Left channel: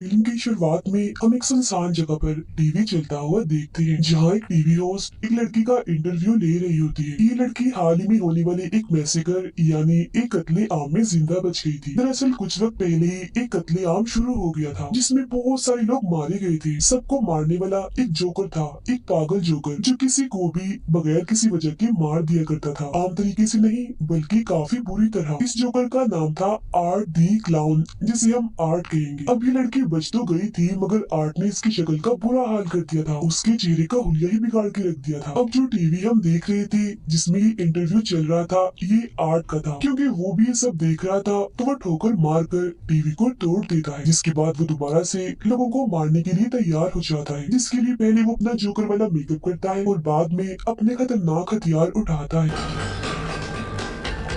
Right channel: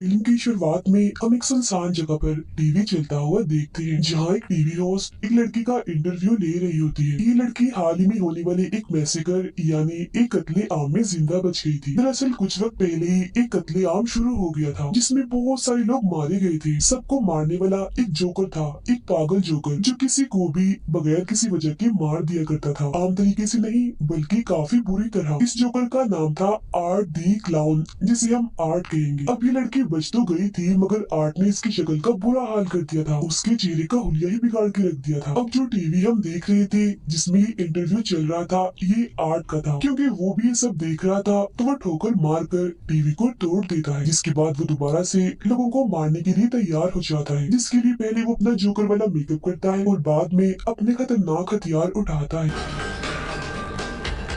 Film की शुरुआत में हम एक सुनसान जगह पर टीवी चलता हुआ देखते हैं, जहां एक टीवी होस्ट एक लड़की का इंटरव्यू ले रही होती है। ये लड़की हाल ही में होने वाले एक मैसेकर यानी एक कत्ले आम में जिंदा बच गई थी। दरअसल कुछ वक्त पहले ही एक कत्ले आम शुरू हो गया था, जिसमें बहुत सारे लोग मारे गए थे। सबको मारने वाला एक जोकर था, एक पागल जोकर जो किसी को भी बगैर किसी वजह के मार दिया करता था। आम तरीके से नहीं, बल्कि काफी बुरी तरह। इस जोकर का नाम था आर्ट दी क्लाउन, जिसे हम आर्ट कहेंगे। अब ये लड़की बच तो गई थी, मगर आर्ट ने इसकी शक्ल का बुरा हाल कर दिया था। उसके चेहरे का हुलिया ही बिगाड़ के रख दिया था। अब जो टीवी हम देख रहे थे जिसमें ये इंटरव्यू चल रहा था, ये आर्ट का था। क्योंकि वो भी ये सब देख रहा था, तो वो ठोकर मारकर टीवी को तोड़ देता है। जिसके बाद वो दोबारा से लोगों को मारने के लिए तैयार हो जाता है, जिसके लिए पहले वो अपना जोकर वाला मेकअप करता है और बाद में अपने खतरनाक हथियार उठाता है।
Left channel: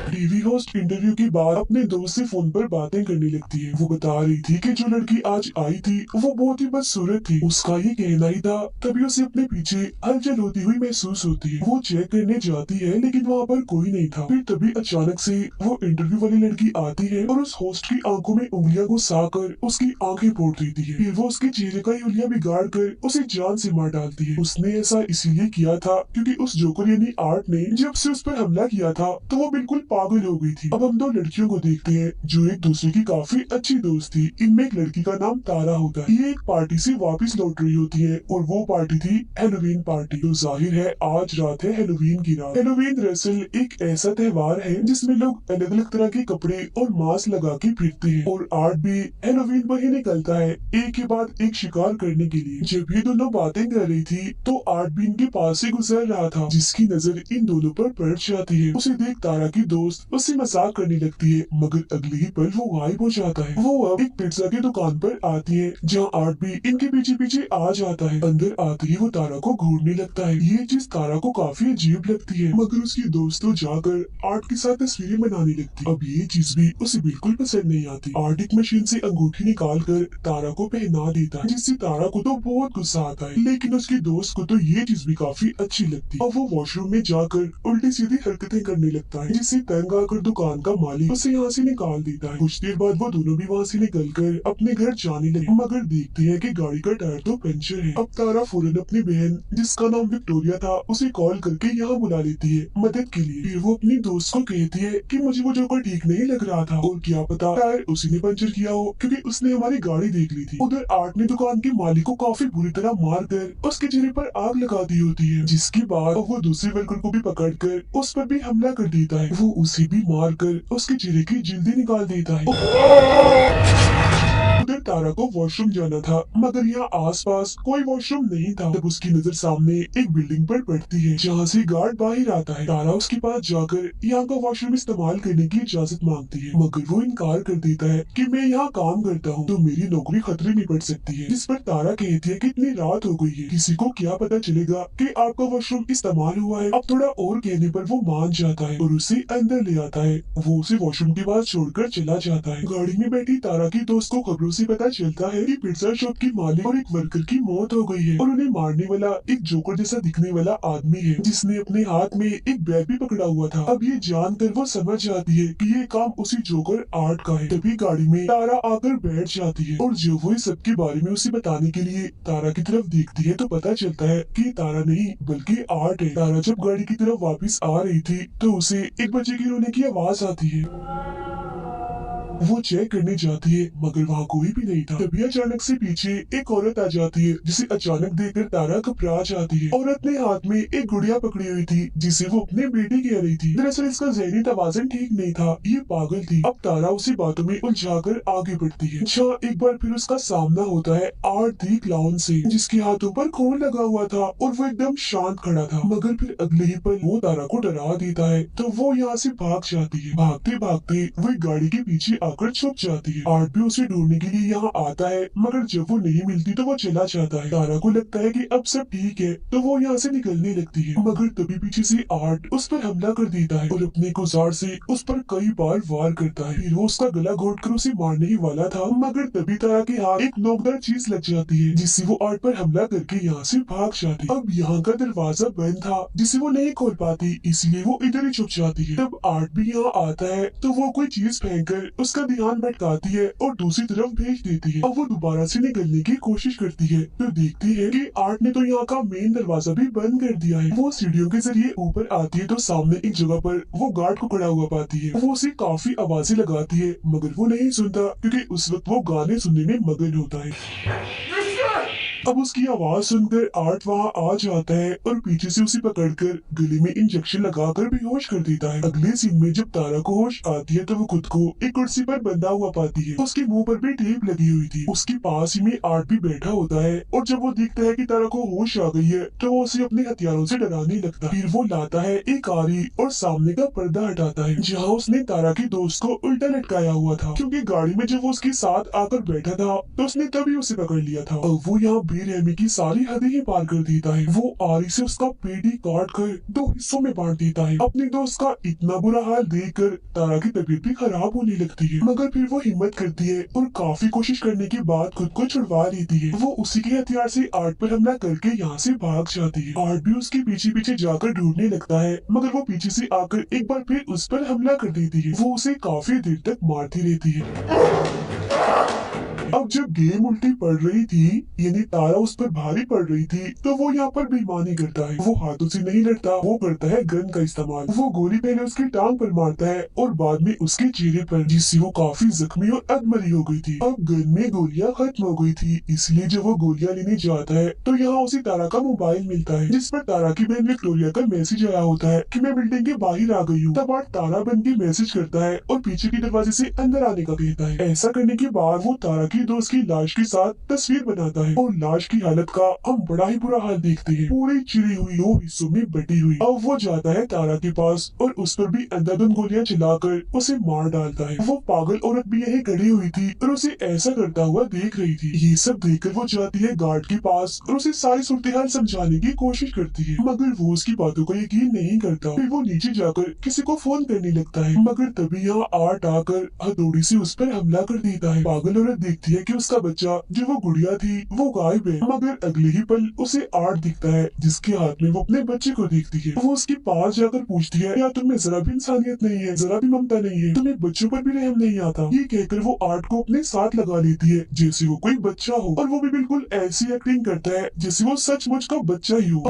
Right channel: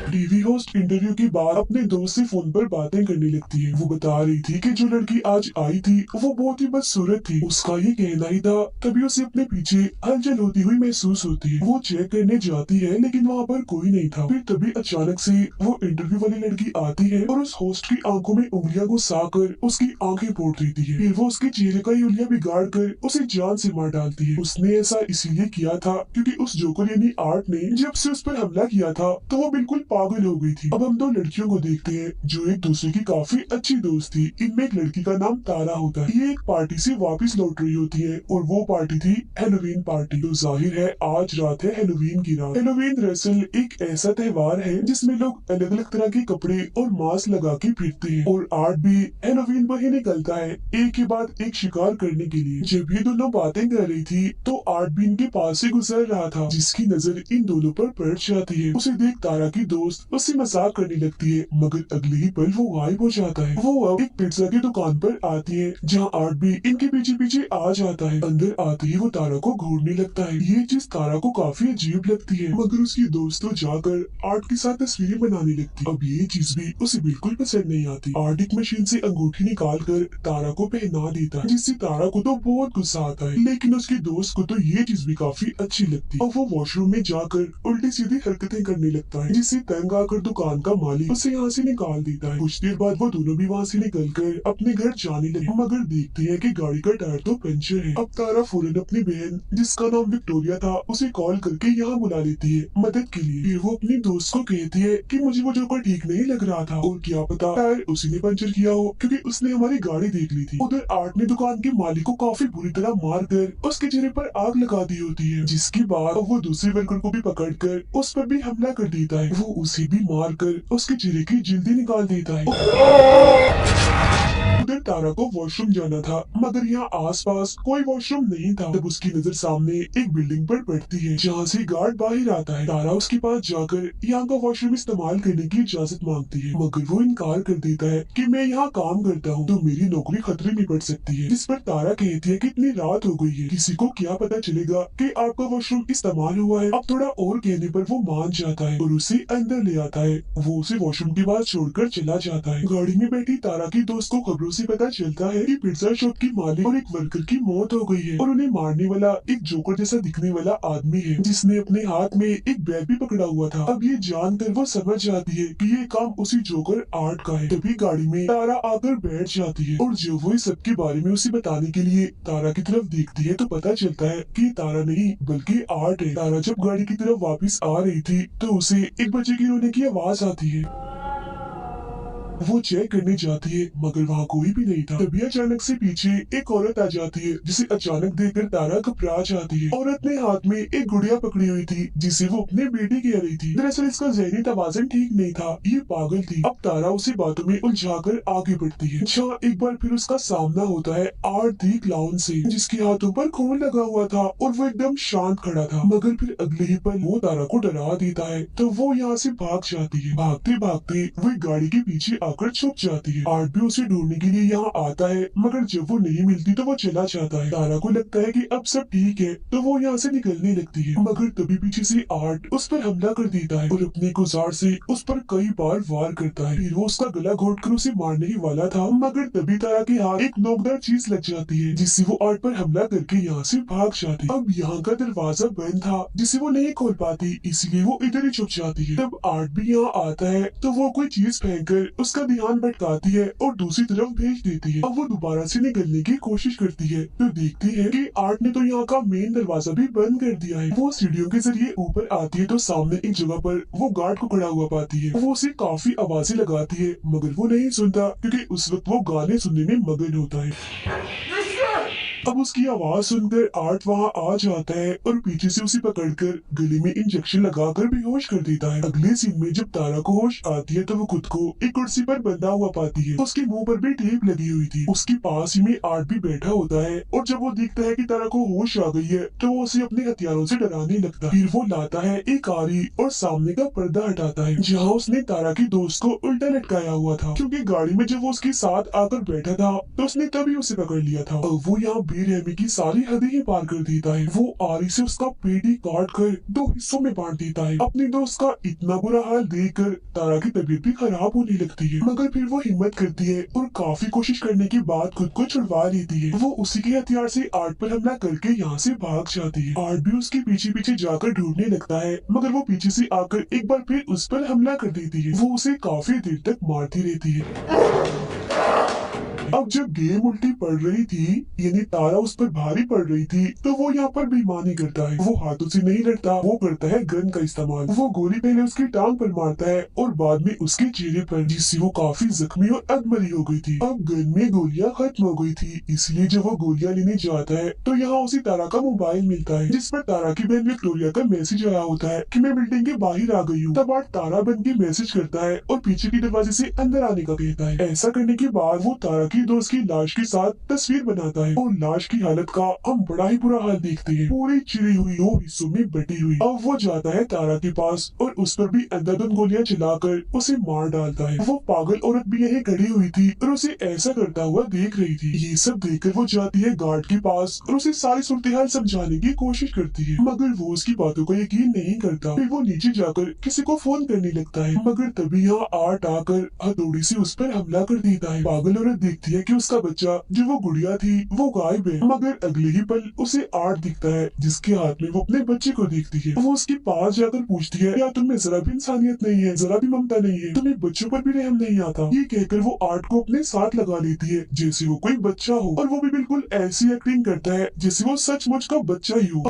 टीवी होस्ट इंटरव्यू के बाद अपने दोस्त से फोन पर बातें करने लगती है। वो बता रही थी कि जो लड़की आज आई थी वो बहुत ही बदसूरत थी। उसका ये कहना ही था, तभी उसे अपने पीछे हलचल होती हुई महसूस होती है। वो चेक करने जाती है, लेकिन वहाँ पर कोई नहीं था। फिर तभी अचानक से वो इंटरव्यू वाली लड़की आती है और उस होस्ट की आंखों में उंगलियां घुसाकर उसकी आंखें फोड़ देती है। फिर वो उसके चेहरे का ही उंगलियां बिगाड़ कर उसे जान से मार डालती है। उसने ऐसा इसीलिए किया था क्योंकि उस जोकर यानी आर्ट ने जब से उस पर हमला किया था, तो वो बिल्कुल पागल हो गई थी। अब हम दो लड़कियों को देखते हैं जो एक दूसरे की काफी अच्छी दोस्त थी। इनमें एक लड़की का नाम तारा होता है। ये एक पार्टी से वापस लौट रही होती है और वो पार्टी थी हेलोवीन पार्टी। तो जाहिर है आज रात है हेलोवीन की रात। हेलोवीन दरअसल एक ऐसा त्योहार है जिसमें लोग अलग अलग तरह के कपड़े और मास्क लगा के फिरते हैं, और आर्ट भी हेलोवीन पर ही निकलता है एक के बाद एक शिकार करने के लिए। जब ये दोनों बातें कर रही थी तो आर्ट भी इनके पास से गुजर रहा था, जिसकी नजर इन दोनों पर पड़ जाती है। उसे देख तारा की दोस्त उससे मजाक करने लगती है, मगर अगले ही पल वो गायब हो जाता है। वो अब एक पिज्जा की दुकान पर आती है, जहाँ आर्ट भी इनके पीछे पीछे आ जाता है। अंदर आते ही वो तारा को घूरने लगता है। ये चीज तारा को काफी अजीब लगती है, मगर उसकी दोस्त तो जाकर आर्ट के साथ तस्वीरें बनाने लगती। अब ये चीज भी उसे बिल्कुल पसंद नहीं आती। आर्ट एक मशीन से अंगूठी निकाल कर तारा को पहना देता है, जिससे तारा को तो बहुत गुस्सा आता है, लेकिन उसकी दोस्त को तो ये चीज भी काफी अच्छी लगती है। अब वो वॉशरूम में जाकर उल्टी सीधी हरकतें करने लगता है, जिससे तंग आकर दुकान का मालिक उसे यहाँ से निकाल देता है। कुछ देर बाद वो दोनों भी वहाँ से निकलकर अपने घर जाने लगे, मगर देखते हैं कि गाड़ी का टायर तो पंचर है। अब तारा फौरन अपनी बहन जिसका नाम विक्टोरिया था उसे कॉल करके यहाँ बुला लेती है मदद के लिए। फिर वो अपनी दोस्त को कहती है कि मुझे वो जोकर ठीक नहीं लग रहा था, और क्या पता टायर उसी ने पंचर किया हो, क्योंकि उसने हमारी गाड़ी देख ली थी। उधर आर्ट ने दुकान के मालिक को काफी बुरी तरह मार कर उसके चेहरे पर आग लगा दी होती है, जिसके बाद वो दूसरे वर्कर को भी पकड़कर उस पर भी हमला कर देता है। वो उसे भी मार कर उसके चेहरे की जल्दी निकाल देता है। उधर तारा को वॉशरूम जाना था, मगर यहाँ आसपास कोई वॉशरूम नहीं था। तब उसकी नजर सामने एक बिल्डिंग पर पड़ती है, जहाँ से गार्ड बाहर आता है। तारा उसके पास जाकर यहाँ का वॉशरूम इस्तेमाल करने की इजाजत मांगती है, मगर वो इनकार कर देता है कि मैं यहाँ काम करता हूँ, तो मेरी नौकरी खतरे में पड़ सकती है। जिस पर तारा कहती है कि इतनी रात हो गई है, किसी को क्या पता चलेगा कि आपका वॉशरूम इस्तेमाल हुआ है। अब थोड़ा और कहने पर वो मान जाता है और उसे अंदर ले आता है। वो उसे वॉशरूम के पास छोड़कर चला जाता है। गाड़ी में बैठी तारा की दोस्त को खबरों से पता चलता है कि पिज्जा शॉप की मालिक और एक वर्कर की मौत हो गई है, और उन्हें मारने वाला एक जोकर जैसा दिखने वाला आदमी है, जिसने अपने हाथ में एक बैग भी पकड़ा हुआ था। अब ये जानकर वो समझ जाती है कि ये काम उसी जोकर आर्ट का है। तभी गाड़ी में तारा आकर बैठ जाती है, और जब वो इस सब के बारे में उसे बताने के लिए तारा की तरफ देखती है, तो पता चलता है कि तारा नहीं बल्कि आर्ट है। तारा जब गाड़ी की तरफ वापस आ रही थी, तो उसे एक बच्चे के रोने की आवाज आती है। वो चेक करने जाती है, मगर वहाँ कोई भी नहीं था। तभी अचानक से पीछे एक औरत आ जाती है, जिसे अचानक देखकर तारा घबरा जाती है। औरत ने हाथ में एक गुड़िया पकड़ी हुई थी, जिसे वो अपने बेटे कह रही थी। दरअसल इसका ज़हनी तवाज़ुन ठीक नहीं था, ये पागल थी। अब तारा उसी बातों में उलझाकर आगे बढ़ती है, जहाँ एक बार फिर उसका सामना होता है आर्ट दी क्लाउन से, जिसके हाथों पर खून लगा हुआ था और वो एकदम शांत खड़ा था। मगर फिर अगले ही पल वो तारा को डरा देता है, तो वो यहाँ से भाग जाती है। भागते भागते वो एक गाड़ी के पीछे आकर छुप जाती है। आर्ट भी उसे ढूंढने के लिए यहाँ आता है, मगर जब वो नहीं मिलती तो वो चला जाता है। तारा को लगता है कि अब सब ठीक है, तो वो यहाँ से निकलने लगती है, मगर तभी पीछे से आर्ट उस पर हमला कर देता है और अपने गुजार से उस पर कई बार वार करता है। फिर वो उसका गला घोटकर उसे मारने ही वाला था, मगर तभी तारा के हाथ एक नोकदार चीज लग जाती है, जिससे वो आर्ट पर हमला करके यहाँ से भाग जाती है। अब यहाँ का दरवाजा बंद था, जिसे वो नहीं खोल पाती, इसलिए वो इधर ही छुप जाती है। तब आर्ट भी यहाँ आता है, तो वो कोई चीज फेंक कर उसके उसका ध्यान भटकाती है और दूसरी तरफ भेज देती है। अब वो दोबारा से निकलने की कोशिश करती है तो देखती है कि आर्ट ने तो यहाँ का मेन दरवाजा भी बंद कर दिया है। वो सीढ़ियों के जरिए ऊपर आती है तो सामने एक जगह पर वो गार्ड को खड़ा हुआ पाती है। वो उसे काफी आवाजें लगाती है मगर वो नहीं सुनता क्योंकि उस वक्त वो गाने सुनने में मगन होता है। अब उसकी आवाज सुनकर आर्ट वहाँ आ जाता है और पीछे से उसे पकड़कर गले में इंजेक्शन लगाकर बेहोश कर देता है। अगले सीन में जब तारा को होश आती है तो वो खुद को एक कुर्सी पर बंधा हुआ पाती है। उसके मुंह पर भी टेप लगी हुई थी। उसके पास ही में आर्ट भी बैठा होता है और जब वो देखता है कि तारा को होश आ गई है तो वो उसे अपने हथियारों से डराने लगता है। फिर वो लाता है एक आरी और सामने का पर्दा हटाता है जहाँ उसने तारा की दोस्त को उल्टा लटकाया हुआ था, क्योंकि गाड़ी में जब वो उसके साथ आकर बैठा था तो उसने तभी उसे पकड़ लिया था। अब वो यहाँ बेरहमी की सारी हदें ही पार कर देता है। वो आरी से उसका पेट ही काट कर 2 हिस्सों में बांट देता है। अपने दोस्त का इतना बुरा हाल देखकर तारा की तबीयत भी खराब होने लगती है, मगर फिर वो हिम्मत करती है और काफी कोशिश करने के बाद खुद को छुड़वा लेती है। वो उसी के हथियार से आर्ट पर हमला करके यहाँ से भाग जाती है। आर्ट भी उसके पीछे पीछे जाकर ढूंढने लगता है मगर वो पीछे से आकर एक बार फिर उस पर हमला कर देती है। वो उसे काफी देर तक मारती रहती है। अब जब गेम उल्टी पड़ रही थी यानी तारा उस पर भारी पड़ रही थी तो वो यहाँ पर बेईमानी करता है। वो हाथों से नहीं लड़ता, वो करता है गन का इस्तेमाल। वो गोली पहले उसकी टांग पर मारता है और बाद में उसके चेहरे पर, जिससे वो काफी जख्मी और अधमरी हो गई थी। अब गन में गोलियां खत्म हो गई थी, इसलिए जब वो गोलियां लेने जाता है तो यहाँ उसे तारा का मोबाइल मिलता है जिस पर तारा की बहन विक्टोरिया का मैसेज आया होता है कि मैं बिल्डिंग के बाहर आ गई हूँ। तब आर्ट तारा बन के मैसेज करता है और पीछे के दरवाजे से अंदर आने का कहता है। ऐसा करने के बाद वो तारा की दोस्त की लाश के साथ तस्वीर बनाता है और लाश की हालत का हम बड़ा ही बुरा हाल देखते हैं, पूरी चिरी हुई 2 हिस्सों में बटी हुई। अब वो जाता है तारा के पास और उस पर भी अंधाधुंध गोलियां चलाकर उसे मार डालता है। वो पागल औरत भी यहीं खड़ी हुई थी और उसे ऐसा करता हुआ देख रही थी। ये सब देखकर वो जाती है गार्ड के पास और उसे सारी सूरत हाल समझाने की कोशिश करती है, मगर वो उसकी बातों को यकीन नहीं करता। फिर वो नीचे जाकर किसी को फोन करने लगता है, मगर तभी यहाँ आर्ट आकर हथौड़ी से उस पर हमला कर देता है। पागल औरत देखती है कि उसका बच्चा जो वो गुड़िया थी वो गायब है, मगर अगले ही पल उसे आर्ट दिखता है जिसके हाथ में वो अपने बच्चे को देखती है। वो उसके पास जाकर पूछती है क्या तुम्हें जरा भी इंसानियत नहीं है, जरा भी ममता नहीं है, तुम्हें बच्चों पर भी रहम नहीं आता। ये कहकर वो आर्ट को अपने साथ लगा लेती है जैसे वो कोई बच्चा हो, और वो भी बिल्कुल ऐसी एक्टिंग करता है जैसे वो सचमुच का बच्चा ही हो।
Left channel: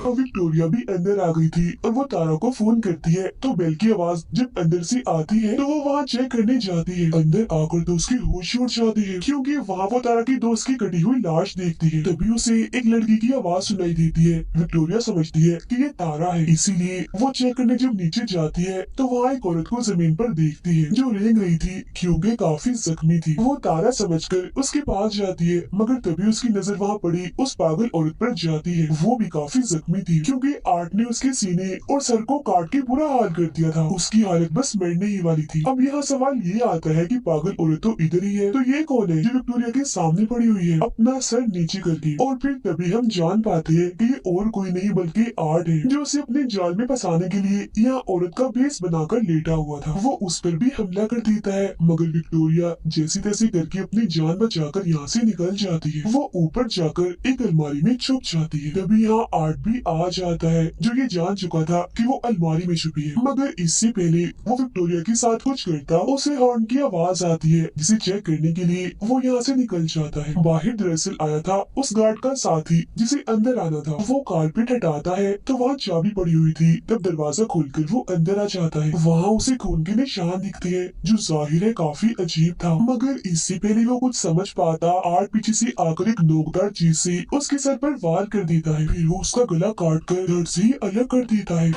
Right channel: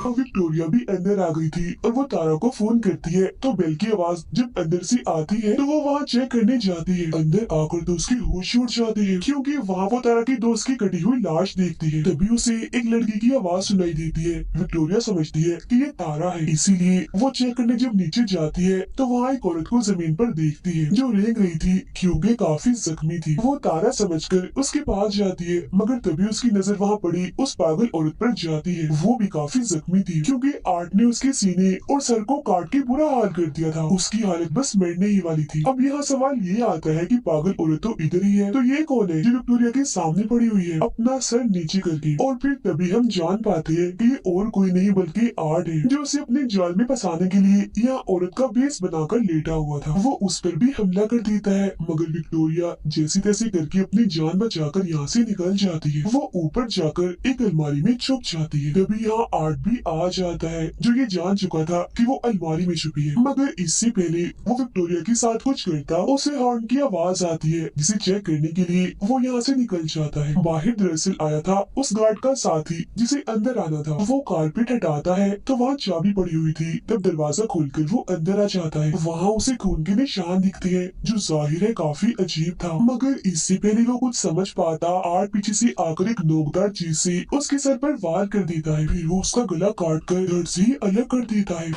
और विक्टोरिया भी अंदर आ गई थी और वो तारा को फोन करती है तो बेल की आवाज जब अंदर से आती है तो वो वहाँ चेक करने जाती है। अंदर आकर तो उसकी होश उड़ जाती है क्योंकि वहाँ वो तारा की दोस्त की कटी हुई लाश देखती है। तभी उसे एक लड़की की आवाज सुनाई देती है। विक्टोरिया समझती है कि ये तारा है, इसीलिए वो चेक करने जब नीचे जाती है तो वहाँ एक औरत को जमीन पर देखती है जो रेंग रही थी क्योंकि काफी जख्मी थी। वो तारा समझकर उसके पास जाती है, मगर तभी उसकी नजर वहाँ पड़ी उस पागल औरत पर जाती है। वो भी काफी जख्मी थी क्योंकि आर्ट ने उसके सीने और सर को काट के बुरा हाल कर दिया था। उसकी हालत बस मरने ही वाली थी। अब यहाँ सवाल ये आता है कि पागल औरत तो इधर ही है, तो ये कौन है जो विक्टोरिया के सामने पड़ी हुई है अपना सर नीचे करके। और फिर तभी हम जान पाते हैं कि ये और कोई नहीं बल्कि आर्ट है जो उसे अपने जाल में फंसाने के लिए यहाँ औरत का बेस बनाकर लेटा हुआ था। वो उस पर भी हमला कर देता है, मगर विक्टोरिया जैसे तैसे करके अपनी जान बचाकर यहाँ से निकल जाती है। वो ऊपर जाकर एक अलमारी में छुप जाती है। तभी यहाँ आर्ट भी आ जाता है जो ये जान चुका था कि वो अलमारी में छुपी है, मगर इससे पहले वो विक्टोरिया के साथ कुछ करता उसे हॉर्न की आवाज आती है जिसे चेक करने के लिए वो यहाँ से निकल जाता है। बाहर दरअसल आया था उस गार्ड का साथी जिसे अंदर आना था। वो कारपेट हटाता है तो वहाँ चाबी पड़ी हुई थी। तब दरवाजा खोलकर वो अंदर आ जाता है। वहाँ उसे खून के निशान दिखते हैं जो जाहिर है काफी अजीब था, मगर इससे पहले वो कुछ समझ पाता आर्ट पीछे से आकर एक नोकदार चीज से उसके सर पर वार कर देता है। फिर वो उसका गला काट कर धड़ से ही अलग कर देता है।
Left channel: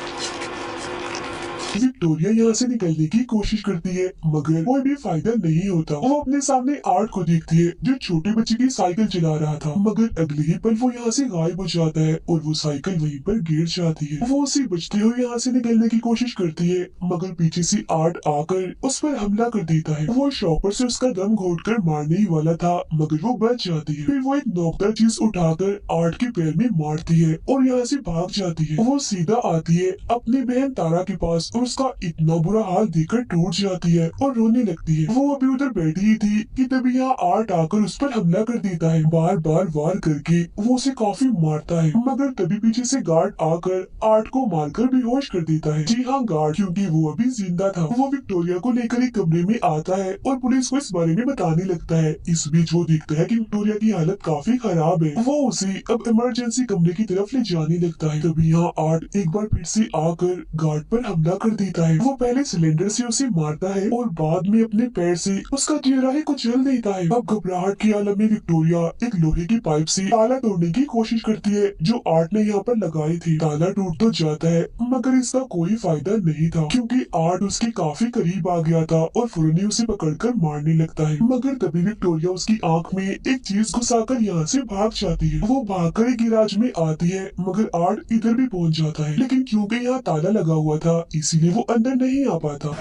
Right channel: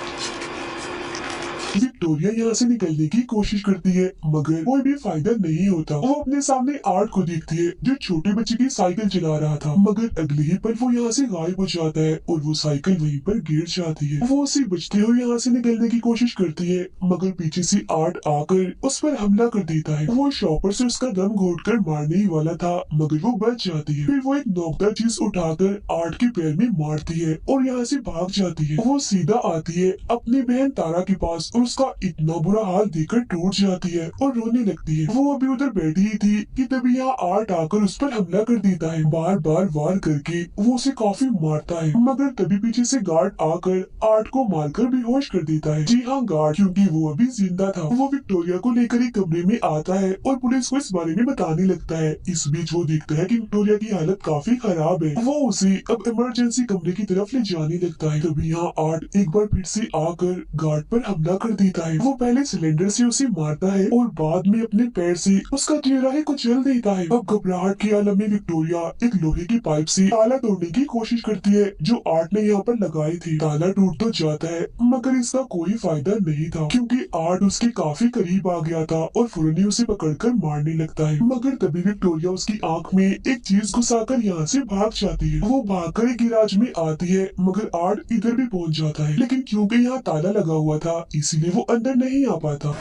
विक्टोरिया यहाँ से निकलने की कोशिश करती है, मगर कोई भी फायदा नहीं होता। वो अपने सामने आर्ट को देखती है जो छोटे बच्चे की साइकिल चला रहा था, मगर अगले ही पल वो यहाँ से गायब हो जाता है और वो साइकिल वहीं पर गिर जाती है। वो उसे बचते हुए यहाँ से निकलने की कोशिश करती है, मगर पीछे से आर्ट आकर उस पर हमला कर देता है। वो शॉपर से उसका दम घोटकर मारने ही वाला था, मगर वो बच जाती है। फिर वो एक नोकदार चीज उठाकर आर्ट के पैर में मारती है और यहाँ से भाग जाती है। वो सीधा आती है अपनी बहन तारा के पास और उसका इतना बुरा हाल देखकर टूट जाती है और रोने लगती है। वो अभी उधर बैठी ही थी कि तभी यहाँ आर्ट आकर उस पर हमला कर देता है। बार बार वार करके वो उसे काफी मारता है, मगर तभी पीछे से गार्ड आकर आर्ट को मारकर बेहोश कर देता है। जी हाँ, गार्ड, क्योंकि वो अभी जिंदा था। वो विक्टोरिया को लेकर एक कमरे में आता है और पुलिस को इस बारे में बताने लगता है। इस बीच वो देखता है कि विक्टोरिया की हालत काफी खराब है। वो उसे अब इमरजेंसी कमरे की तरफ ले जाने लगता है। तभी यहाँ आर्ट एक बार फिर से आकर गार्ड पर हमला कर देता है। वो पहले सिलेंडर से उसे मारता है और बाद में अपने पैर से उसका चेहरा ही कुचल देता है। अब घबराहट के आलम में विक्टोरिया एक लोहे की पाइप से ताला तोड़ने की कोशिश करती है जो आर्ट ने यहाँ पर लगाए थे। ताला टूट तो जाता है, मगर इसका कोई फायदा नहीं था, क्योंकि आर्ट उसके काफी करीब आ गया था और फुरनी उसे पकड़कर मारने लगता है। मगर तभी विक्टोरिया उसकी आंख में एक चीज घुसाकर यहाँ से भाग जाती है। वो भागकर एक गिराज में आती है, मगर आर्ट इधर भी पहुंच जाता है, लेकिन क्योंकि यहाँ ताला लगा हुआ था इसीलिए वो अंदर नहीं आ पाता।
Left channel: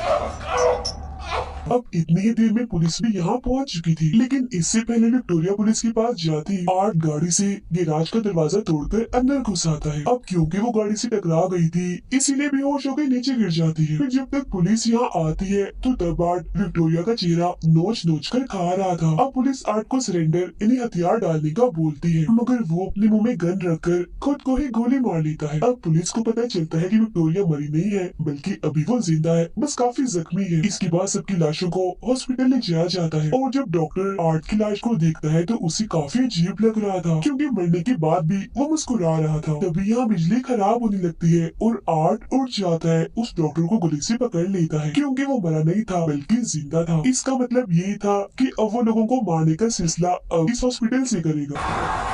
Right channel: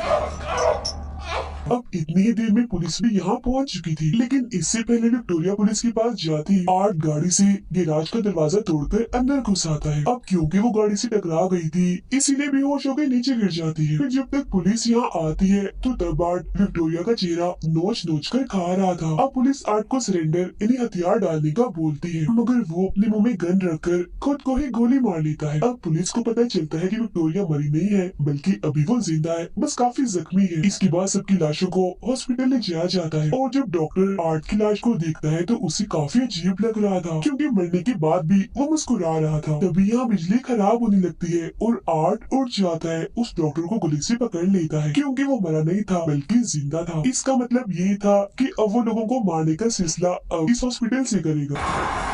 अब इतनी ही देर में पुलिस भी यहाँ पहुंच चुकी थी, लेकिन इससे पहले विक्टोरिया पुलिस के पास जाती आर्ट गाड़ी से गिराज का दरवाजा तोड़कर अंदर घुस आता है। अब क्योंकि वो गाड़ी से टकरा गई थी इसीलिए बेहोश होकर नीचे गिर जाती है। फिर जब तक पुलिस यहाँ आती है तो तब आर्ट विक्टोरिया का चेहरा नोच नोच कर खा रहा था। अब पुलिस आर्ट को सरेंडर यानी हथियार डालने का बोलती है, मगर वो अपने मुंह में गन रखकर खुद को ही गोली मार लेता है। अब पुलिस को पता चलता है कि विक्टोरिया मरी नहीं है, बल्कि अभी वो जिंदा है, बस काफी जख्मी है। इसके बाद सबकी लाशों को हॉस्पिटल ले जाया जाता है और जब डॉक्टर आर्ट की लाश को देखता है तो उसे काफी अजीब लग रहा था, क्योंकि मरने के बाद भी वो मुस्कुरा रहा था। तभी यहाँ बिजली खराब होने लगती है और आर्ट उठ जाता है, उस डॉक्टर को गले से पकड़ लेता है, क्योंकि वो मरा नहीं था बल्कि जिंदा था। इसका मतलब यही था कि अब वो लोगों को मारने का सिलसिला अब इस हॉस्पिटल से करेगा।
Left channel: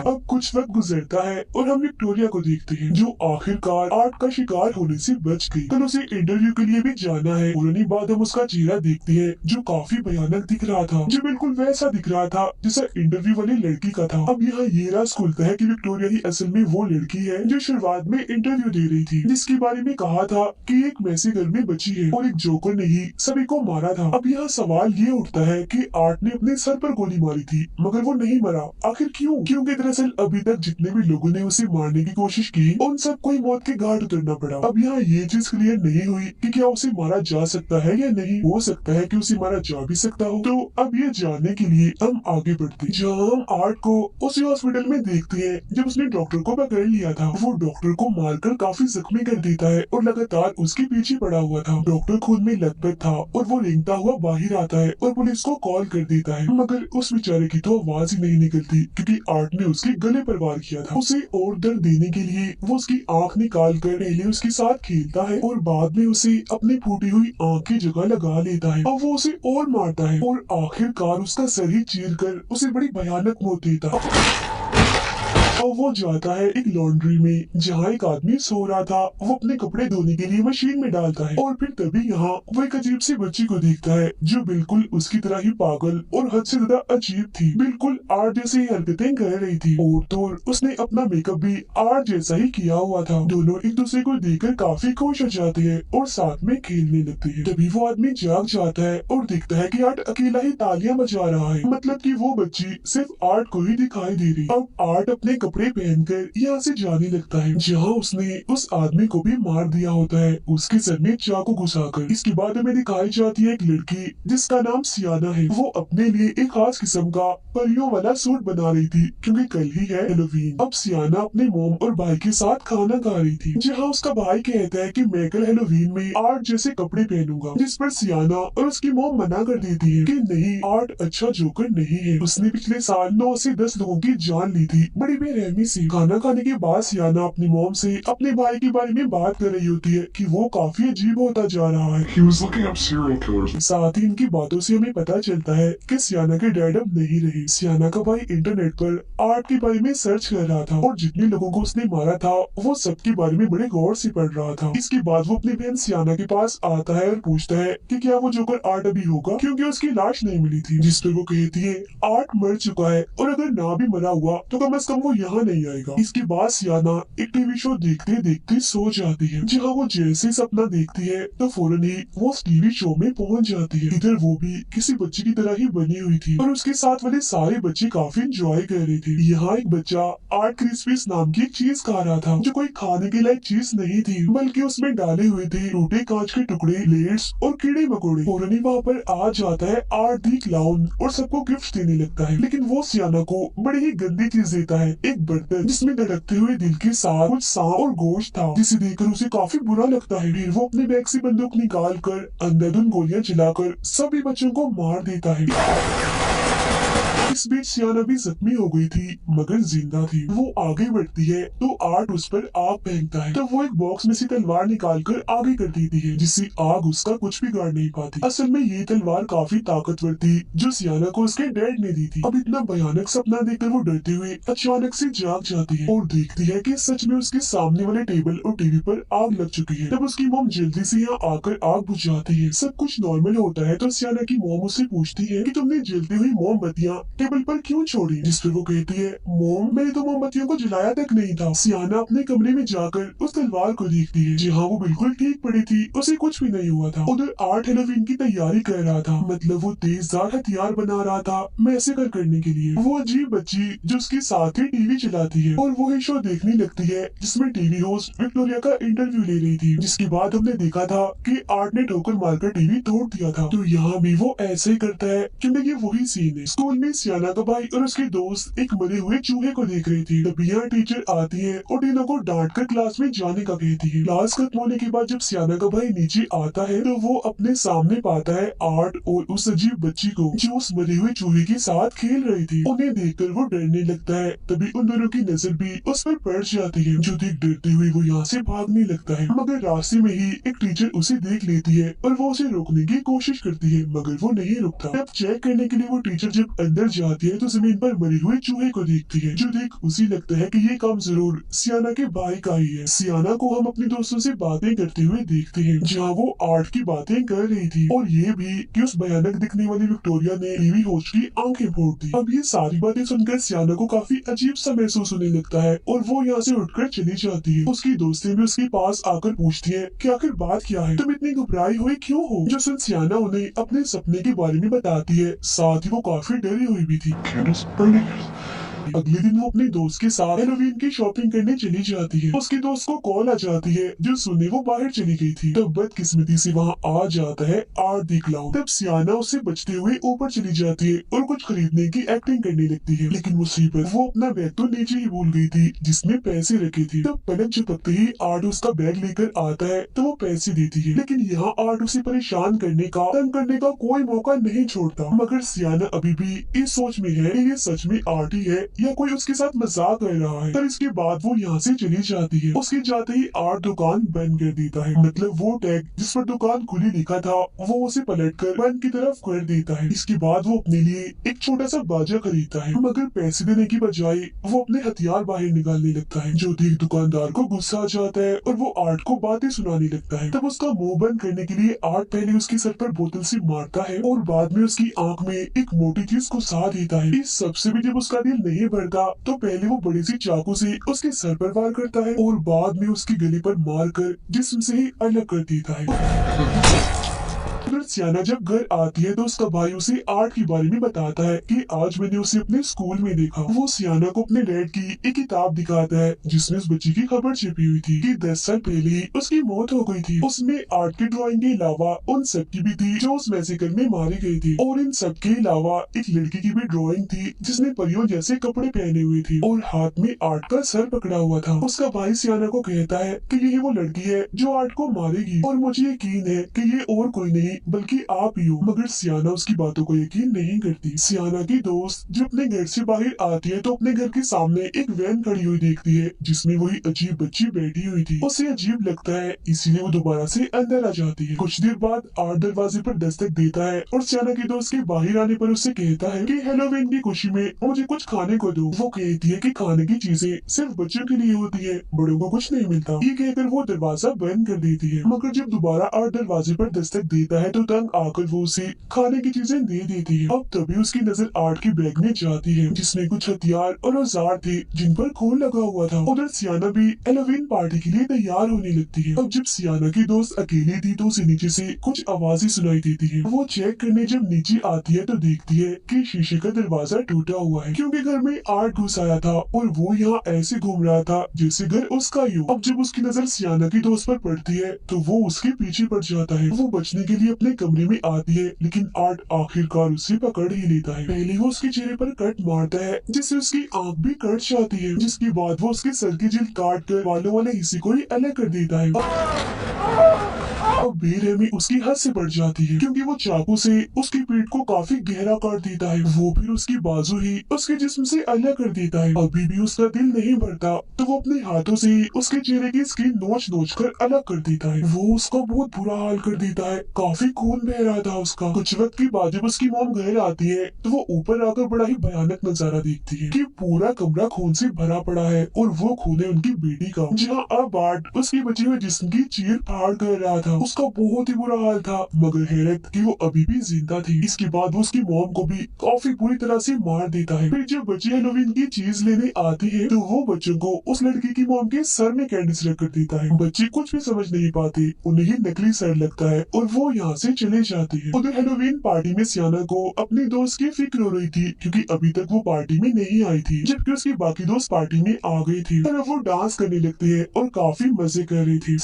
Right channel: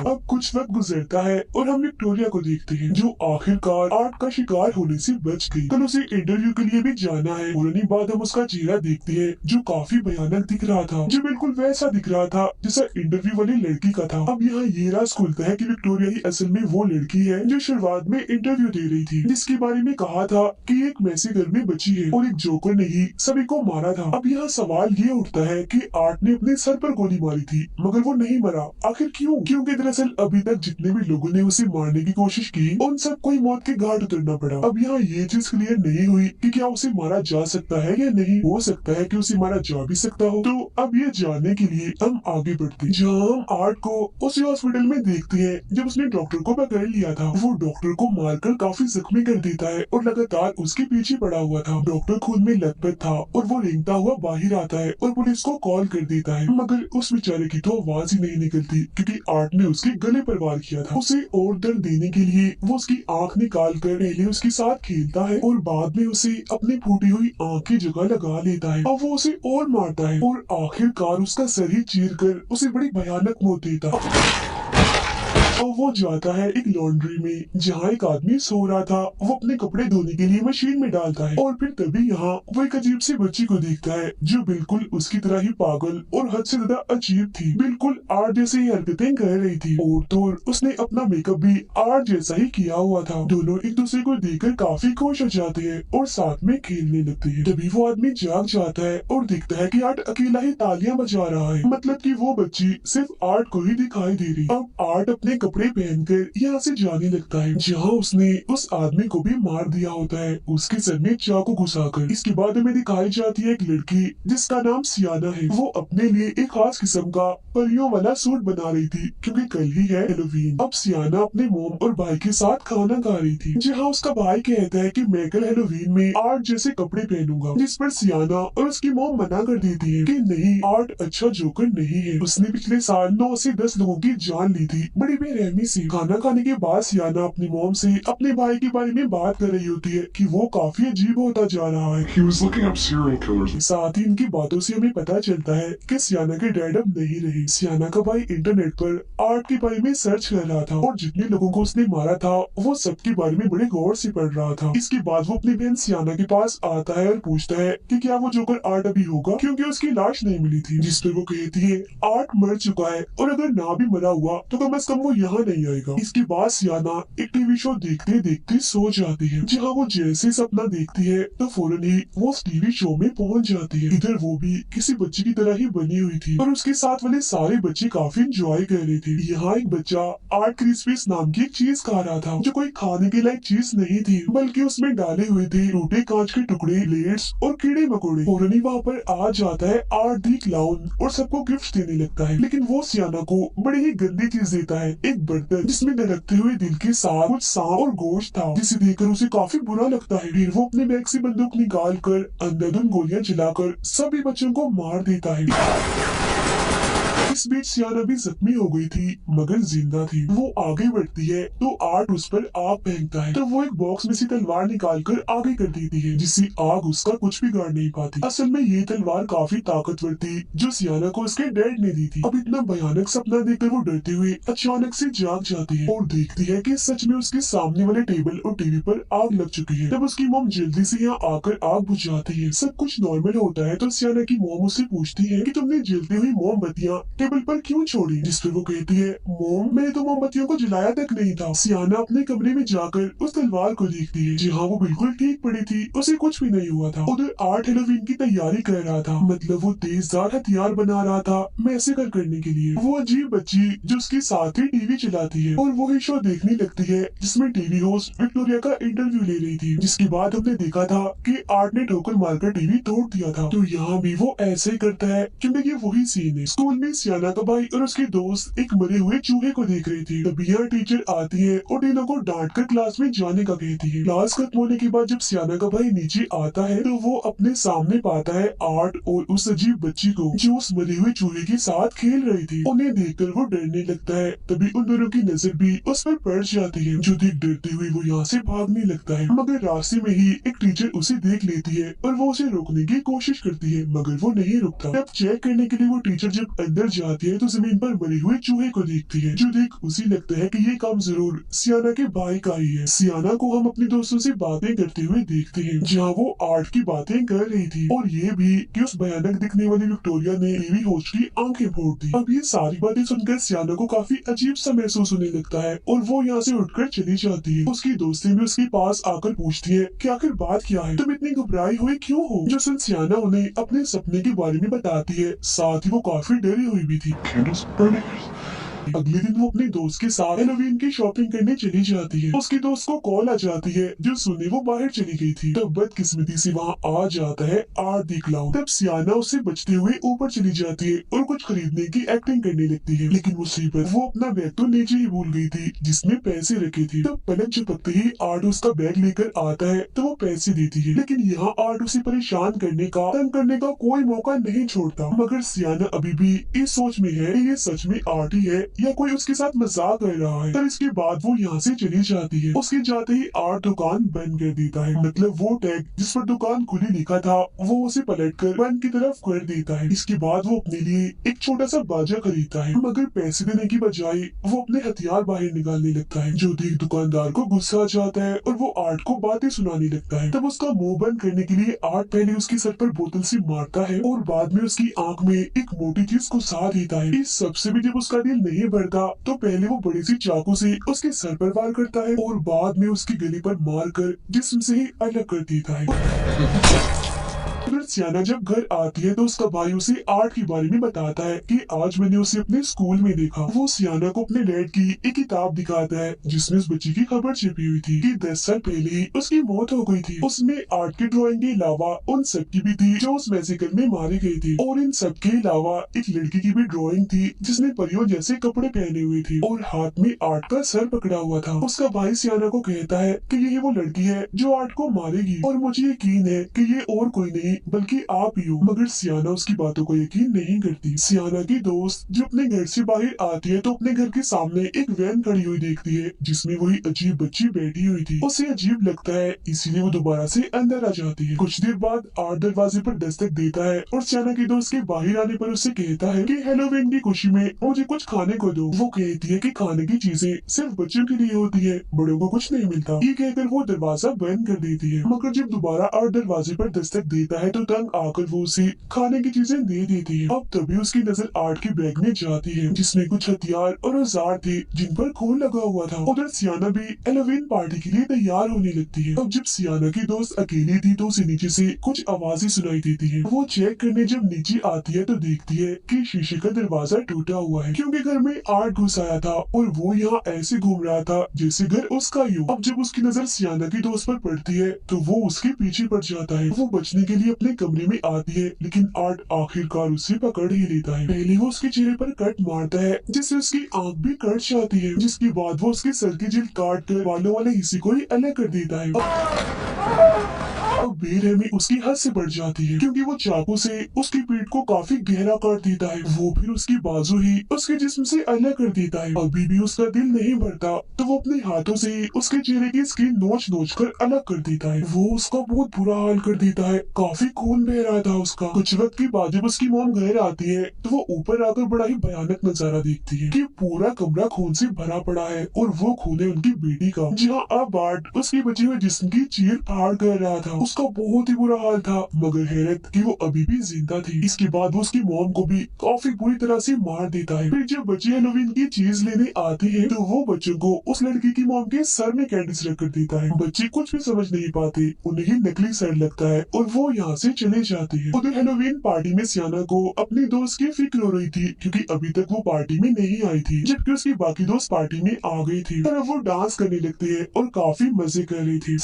अब कुछ वक्त गुजरता है और हम विक्टोरिया को देखते हैं, जो आखिरकार आर्ट का शिकार होने से बच गई। कल उसे इंटरव्यू के लिए भी जाना है। पुरानी बाद हम उसका चेहरा देखते हैं जो काफी भयानक दिख रहा था, जो बिल्कुल वैसा दिख रहा था जैसा इंटरव्यू वाली लड़की का था। अब यहाँ ये राज खुलता है कि विक्टोरिया ही असल में वो लड़की है जो शुरुआत में इंटरव्यू दे रही थी, जिसके बारे में कहा था कि एक मैसे घर में बची है और एक जोकर ने ही सभी को मारा था। अब यहाँ सवाल ये उठता है कि आर्ट ने अपने सर पर गोली मारी थी मगर वो नहीं मरा, आखिर क्यों? क्योंकि दरअसल अभी तक जितने भी लोगों ने उसे मारने की कोशिश की उन सबको ही मौत के घाट उतरना पड़ा। अब यहाँ ये चीज क्लियर नहीं हुई कि क्या उसे मारा जा सकता है या नहीं। हो सकता है कि उसे मारा जा भी सकता हो। तो अब ये जानने के लिए हम आगे बढ़ते हैं, जहाँ हम आर्ट को उसी हॉस्पिटल में देखते हैं जब उसने डॉक्टर को पकड़ लिया था। वो डॉक्टर को मारकर काफी जख्मी कर देता है और लगातार उसके पीछे पड़ा हुआ था। डॉक्टर खून में लथपथ था और वो रेंगता हुआ बाहर आता है और पुलिस को कॉल कर देता है, मगर उस बेचारे की तो आवाज ही नहीं निकलती, क्योंकि आर्ट ने उसके गले पर वार किया था। उसे और दर्द देने के लिए वो उसकी आंख निकाल कर पहले उसके साथ खेलता है और बाद में उसे अपनी फूटी हुई आंख की जगह लगा लेता है। अब वो उसे और मारता है और आखिरकार उसका सर ही चीर कर उसे बड़ी भयानक मौत देता है। अब वो जाता है एक लॉन्ड्री में, जहाँ एक आदमी सो रहा था। वो अपने कपड़े धोने के लिए मशीन में डालता है और फिर तभी यहाँ वो एक अजीब सी बच्ची को देखता है जो बिल्कुल उसकी तरह ही पागल और हद से ज्यादा अजीब थी। बिल्कुल आर्ट जैसी हरकतें कर रही थी और तो उसने अपना मेकअप भी आर्ट जैसा ही किया हुआ था। दोनों एक दूसरे को देखकर काफी खुश हो जाते हैं और साथ में खेलने लगते हैं। तभी वो आदमी जाग जाता है और देखता है कि आर्ट अकेला ही तालियां बजा रहा है, मतलब कि वो बच्ची सिर्फ आर्ट को ही दिखाई दे रही। अब आर्ट अपने कपड़े पहनकर यहाँ से जाने लगता है, जहाँ उसने उस आदमी को भी मार दिया होता है, उसके सर में चाकू घुसाकर। इसके बाद हमें दिखाई जाती है एक लड़की जिसका नाम सियाना है। वो अपने लिए एक खास किस्म का परियों वाला सूट बना रही थी, क्योंकि कल ही है हेलोवीन। अब सियाना अपने मोम और भाई के साथ खाना खा रही थी, जहाँ उसका भाई कहता है कि मैं कल हेलोवीन में आर्ट जैसे कपड़े पहनूंगा, जिस पर सियाना और उसकी मोम मना कर देती है कि नहीं, आर्ट अच्छा जोकर नहीं है, उसने पिछले साल 9 से 10 लोगों की जान ली थी बड़ी बेरहमी से। खाना खाने के बाद सियाना अपनी मोम से अपने भाई के बारे में बात कर रही होती है कि वो काफी अजीब होता जा रहा है। He was looking up serial killers. साथ ही इनकी बातों से हमें पता चलता है कि सियाना के डैड अब नहीं रहे। सियाना का भाई इंटरनेट पर आर्ट के बारे में सर्च कर रहा था और जितने लोगों को उसने मारा था वो सबके बारे में बड़े गौर से पढ़ रहा था। इसके बाद वो अपनी बहन सियाना के पास आता है और पूछता है कि क्या वो जोकर आर्ट अभी होगा, क्योंकि उसकी लाश नहीं मिली थी। जिस पर वो कहती है आर्ट मर चुका है और अगर ना भी मरा हुआ तो कम से कम वो यहाँ नहीं आएगा। इसके बाद सियाना एक टीवी शो देखते देखते सो जाती है। जहाँ वो जैसे सपना देखती है तो फौरन ही वो उस टीवी शो में पहुंच जाती है। इधर वो भी किसी बच्चे की तरह ही बनी हुई थी और उसके साथ वाले सारे बच्चे काफी इंजॉय कर रहे थे। यहाँ एक बच्चा आर्ट क्रिस्पीज नाम की एक चीज खा रहा था, जो कोई खाने के लायक चीज नहीं थी, बल्कि उसमें डाले हुए थे टूटे कांच के टुकड़े, प्लेट्स और कीड़े मकोड़े। फौरन ही वहाँ पर आ जाता है आर्ट दी क्लाउन और सबको गिफ्ट देने लगता है। लेकिन वो सियाना को बड़ी ही गंदी चीज देता है, एक बर्तन जिसमें धड़कते हुए दिल के साथ कुछ सांप और गोश्त था, जिसे देखकर उसे काफी बुरा लगता है। फिर वो अपने बैग से बंदूक निकाल कर अंधाधुंध गोलियां चलाकर सभी बच्चों को मार देता है। इस बीच सियाना भी जख्मी हो गई थी मगर जिंदा थी। वो आगे बढ़ती है तो आर्ट उस पर आग फेंकता है, तो वो एक बॉक्स में से तलवार निकालकर आगे कर देती है, जिससे आग उसका कुछ बिगाड़ नहीं पाती। असल में ये तलवार काफी ताकतवर थी जो सियाना को उसके डैड ने दी थी। अब इतना भयानक सपना देखकर वो डरते हुए अचानक से जाग जाती है और देखती है कि सच में उसके सामने वाले टेबल और टीवी पर आग लग चुकी है। तब उसकी मॉम जल्दी से यहाँ आकर आग बुझाती है। सब कुछ नॉर्मल होता है तो सियाना की मॉम उससे पूछती है कि तुमने जलती हुई मोमबत्तियां टेबल पर क्यों छोड़ी, जिस पर वो कहती है मोम मैंने तो मोमबत्तियों को जलाया तक नहीं था। सियाना अपने कमरे में जाकर उस तलवार को देखती है, जहाँ वो बिल्कुल ठीक पड़ी थी, उसे कुछ भी नहीं हुआ था। उधर आर्ट हेलोवीन की तैयारी कर रहा था, मतलब वो तेजदार हथियार बना रहा था मैसेकर करने के लिए। वो अजीब बच्ची जो उसके साथ ही टीवी चलाती है और वही शो देखने लगती है जिसमें टीवी होस्ट विक्टोरिया का इंटरव्यू ले रही थी। जिसके बाद हमने देखा था कि आर्ट ने ठोकर मारकर टीवी तोड़ दिया था। तो यहाँ भी वो ऐसे ही करता है क्योंकि ये वही सीन है। स्कूल में सियाना का भाई और उसके दोस्त एक मरे हुए चूहे को देख रहे थे। तभी यहाँ टीचर आती है और तीनों को डांट कर क्लास में जाने का कहती है। क्लास खत्म होने के बाद जब सियाना का भाई नीचे आता है तो वो अपने सामने पाता है आर्ट और उस अजीब बच्ची को जो उस मरे हुए चूहे के साथ खेल रही थी। उन्हें देखकर वो डरने लगता है। तभी उन दोनों की नजर भी उस पर पड़ जाती है, जो देख डरते हुए वो यहाँ से भागने लगता है। मगर रास्ते में ही एक टीचर उसे देख लेती है और वो उसे रोकने की कोशिश करती है, मगर वो नहीं रुकता। तब चेक करने के लिए वो टीचर जब अंदर जाती है तो जमीन पर मरे हुए चूहे को देखती है, जो देख उसे लगता है कि ये काम जरूर सियाना के भाई का ही है। सियाना को हम अपने दोस्तों से बातें करते हुए देखते हैं, जहाँ वो आर्ट की बातें कर रही थी और ये भी कि उस भयानक दिखने वाली विक्टोरिया ने टीवी होस्ट की आंखें फोड़ दी। अब ये सारी बातें सुनकर सियाना को काफी अजीब सा महसूस होने लगता है और वो यहाँ से उठकर चली जाती है। उसकी दोस्तें भी उसके पास आकर पूछती है कि आखिर बात क्या है, तुम इतनी घबराई हुई क्यों हो। जो सुन सियाना उन्हें अपने सपने के बारे में बताती है, साथ ही वो काफी डरी हुई भी थी। अगले दिन वो अपने दोस्त के साथ हेलोवीन की शॉपिंग करने चली जाती है। उसके दोस्त को कॉल आ जाती है जो सुनने वो बाहर चली गई थी। तब बदकिस्मती से वहाँ आ जाता है आर्ट दी क्लाउन। तब सियाना उससे बचते हुए ऊपर चली जाती है और कुछ खरीदने की एक्टिंग करने लगती है, लेकिन मुसीबत वो अपना बैग तो नीचे ही भूल गई थी जिसमें पैसे रखे थे। तब पलक झपकते ही आर्ट उसका बैग लेकर आता है तो वो पैसे देती है, लेकिन यहाँ आर्ट उसे परेशान करने का, तंग करने का कोई मौका नहीं छोड़ता। मगर सियाना अभी भी इस सोच में है कि ये सच में आर्ट ही है या कोई उसके साथ मजाक कर रहा है। पर इसके बाद वो यहाँ से चली जाती है। उसके जाते ही आर्ट दुकान बंद कर देता है, मतलब वो टैग जिस पर दुकान खुली लिखा था वो उसे पलटकर बंद की तरफ कर देता है। इसके बाद वो अपने लिए एक छोटा सा बाजा खरीदता है, मगर पैसे देने की बजाय वो अपने हथियार बाहर निकालने लगता है, जो देख दुकानदार को गुस्सा आ जाता है और वो आर्ट को बातें सुनाने लगता है। तब उसका मुंह बंद करने के लिए आर्ट पहले उसके सर पर बोतल से मारता है और बाद में उसकी आंख में एक मोटी चीज घुसा देता है। इस सबसे भी जब उसका दिल नहीं बढ़ता तो पहले वो बड़ी सी चाकू से उसके सर पर वार करता है और बाद में उसकी गले पर मारकर जिस्म से ही अलग कर देता है। फिर सियाना जब घर आती है तो उसका भाई उसे आर्ट के बारे में बताता है कि आज मैंने उसे अपने स्कूल में देखा। वो सियाना को अपने डैड की एक किताब दिखाता है जिसमें उस बच्ची की खबर छिपी हुई थी कि 10 साल पहले ही उसकी मौत हो गई थी। उसमें आर्ट की ड्राइंग के अलावा उन सब की भी थी जो उस मैसेकर में मारे गए थे, और इन सब के अलावा एक लड़की की भी ड्राइंग थी जिसने परियों जैसे कपड़े पहने हुए थे और हाथ में आर्ट का सर पकड़ा हुआ था। उसका भाई सियाना को कहता है कि यही वो लड़की है जो आर्ट को मारेगी और मुझे यकीन है कि ये और कोई नहीं बल्कि आप ही हो। मगर सियाना उसकी बातों को यकीन नहीं करती। सियाना की दोस्त जब अपने घर से बाहर आती है तो अपने घर के सामने एक वैन खड़ी हुई देखती है जिसमें वही अजीब बच्ची बैठी हुई थी। उसे अजीब लगता है इसीलिए वो दोबारा से अंदर आ जाती है। कुछ देर बाद आर्ट दरवाजे पर दस्तक देता है और सियाना की दोस्त के बाहर आने पर उससे कहता है कि हेलोवीन की खुशी में मुझे कुछ खाने को दो। वो कहती है कि खाने की चीजें सिर्फ बच्चों के लिए होती है, बड़ों को कुछ नहीं मिलता। ये कहकर वो दरवाजा बंद कर देती है। मगर जब दोबारा आर्ट दरवाजे पर दस्तक देता है तो तंग आकर वो उसे खाने की चीजें दे देती है। अब तभी उसकी नजर आर्ट की बैग में जाती है जिसमें कुछ हथियार और औजार थे जिन पर खून लगा हुआ था। उधर सियाना भी हेलोवीन पार्टी के लिए तैयार होने लगती है। अब जब सियाना की दोस्त अकेली थी तो उसे नीचे से कुछ आवाजें सुनाई देती है। वो चेक करने जब नीचे आती है तो देखती है कि शीशे का दरवाजा टूटा हुआ है क्योंकि घर में आर्ट घुस आया था और वो यहाँ ऐसे घूम रहा था जैसे घर उसका ही हो। अब जब उसकी नजर सियाना की दोस्त पर पड़ती है तो वो उसके पीछे पड़ जाता है। वो बचने के लिए अपने कमरे में आती है लेकिन आर्ट आखिरकार उसे पकड़ ही लेता है। पहले वो उसके चेहरे पर कट मारता है जिससे उसकी आंख भी कट जाती है, जिसके बाद वो उसके सर की जिल्द काट कर बालों वाले हिस्से को ही अलग कर देता है। अब बेरहमी उसकी हद से बढ़ जाती है क्योंकि वो चाकू से उसकी पीठ को काफी गहरा काट देता है। वो फिर उसकी बाजू ही उसके जिस्म से अलग कर देता है। अभी भी उसका दिल नहीं भरता तो वो अपने हाथों से उसके चेहरे की स्किन नोच नोच कर अलग कर देता है। वो उसका बहुत बुरा हाल कर देता है, काफी खून बह रहा था उसका। कुछ वक्त के बाद जब उसकी मॉम घर आती है तो वो ऊपर आकर बड़ा ही भयानक नजारा देखती है कि पूरा कमरा खून से भरा पड़ा है और वो खून है उनकी बेटी का, जहाँ अब आर्ट उसके बचे हुए जिस्म की चीर फाड़ कर रहा था। उसका बहुत ही बुरा हाल था मगर हैरत कि वो अभी भी जिंदा थी। इसके बाद वो उसकी मॉम को भी काफी बुरी तरह से मार देता है। फिर जब बच्चे हेलोवीन की चीज लेने आते हैं तो वो बच्चों को उस लड़की की मॉम के सर में कैंडिस रख कर देता है। बच्चे कुछ भी समझ नहीं पाते, उन्हें ही नकली सर लगता है और वो यहाँ से चले जाते हैं। उधर हेलोवीन पार्टी में सियाना को अपनी दोस्त की फिक्र हो रही थी क्योंकि अभी तक वो पार्टी में नहीं आई थी, जबकि उसकी बाकी दोस्त पार्टी में आ गए थे। फिर वो डांस करने लगते हैं और काफी मजे कर रहे थे।